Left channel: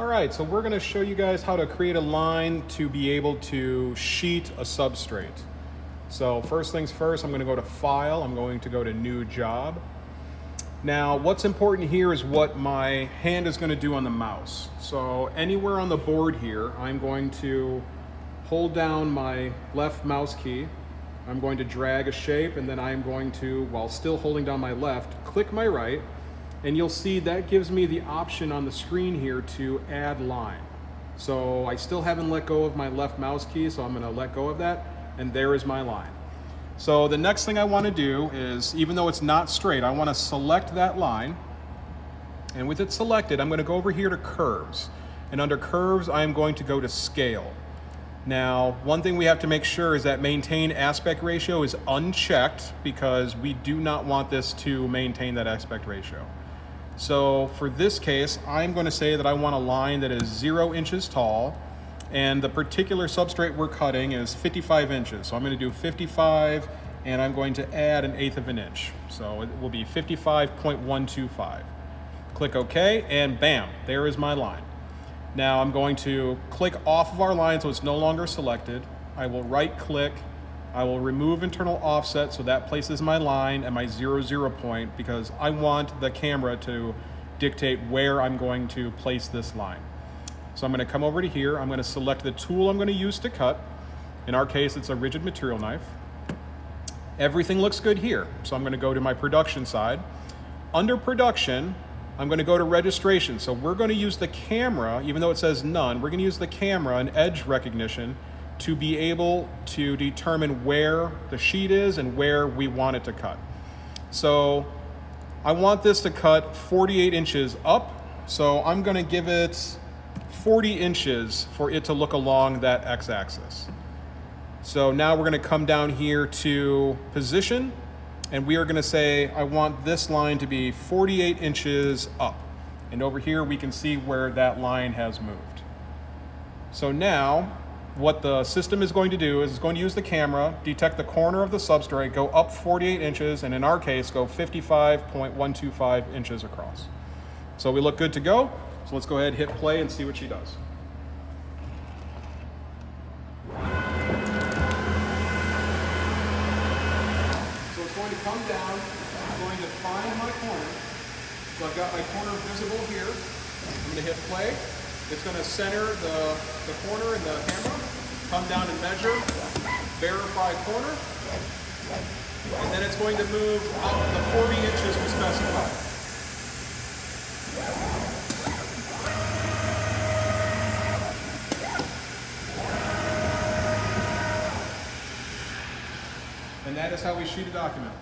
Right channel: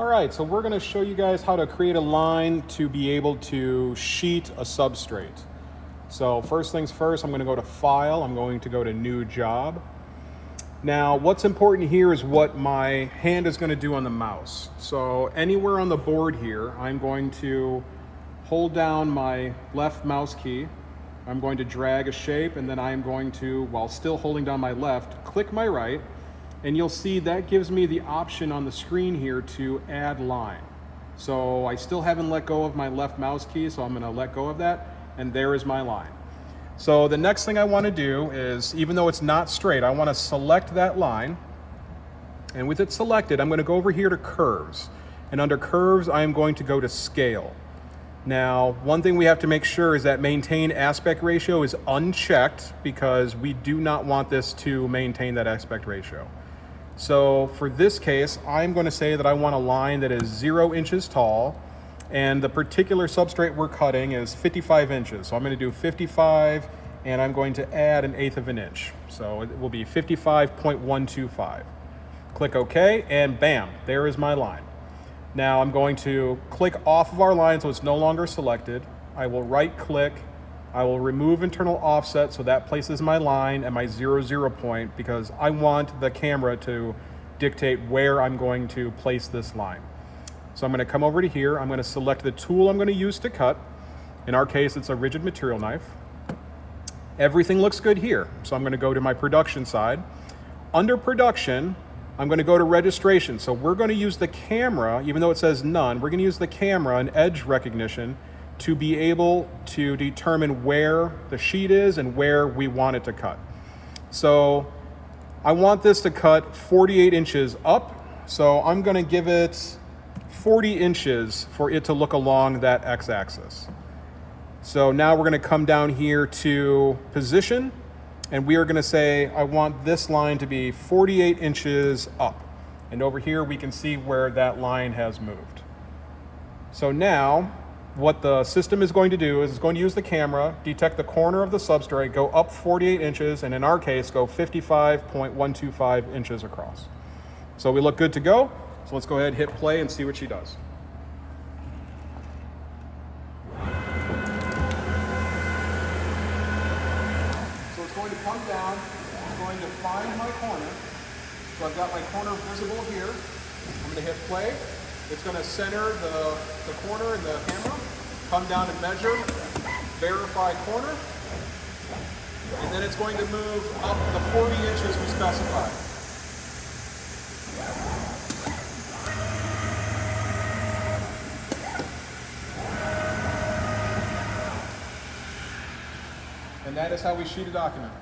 All right, so we're going to show you guys how to create a line to be able to sheet a substrate. So first things first, I'm going to go to File. I'm going to go to New Job. Now, what's important here is what my hand is going to do on the mouse. So anywhere on the board here, I'm going to hold down my left mouse key. I'm going to drag a shape, and then I'm going to, while still holding down my left, click my right. And you'll see that gives me the option on the screen here to add line. So I still haven't let go of my left mouse key, so I'm going to let go of that, and there is my line. So the next thing I want to do is, even though it's not straight, I want to select that line. And with it selected, I'm going to go over here to Curves. And under Curves, I'm going to go to Scale. Now, one thing we have to make sure is that Maintain Aspect Ratio is unchecked, because we do not want this to maintain that aspect ratio. So for this case, I'm going to say that I want a line that is 0 inches tall, and the particular substrate we're cutting is 55 inches. So I'm going to do 55, and I'm going to add 1/8 of an inch. So it will be 55.125. Click OK, and bam, there is my line. Now I'm going to click off of our line so it's no longer selected. I will right click. I will remove internal offset, so that places my line at my 0, 0 point, because I want the camera to dictate where I'm going to place this line. So I'm going to come over to here. I'm going to select the tool I'm going to use to cut. In our case, it's a rigid material knife. Everything looks good here. So I'm going to go to my production side. Under production, I'm going to go to registration. So we're going to use the camera, even though it says none, we're going to use the camera and edge recognition to be able to determine where the sheet is and where we want it to cut. So I want this to cut 48 inches up, so I'm going to give it 40 inches for it to look along that x-axis. So now we're going to come down here to position, and we are going to say I want this line to be 48 inches up. And over here we can see where that line has moved. So now what the system is going to do is it's going to use the camera, detect the corner of the substrate, go up 48 inches, and in our case, go 55.125 inches across. So we look good to go. So let's go ahead and hit play and see what she does. So it's going to come down. I'm going to find my corner. So I've got my corner visible here. I'm going to hit play. It's going to center the corner in the camera, come down and measure, verify corner, and then it's going to move up the 40 inches we specified. And that is how we sheet a document.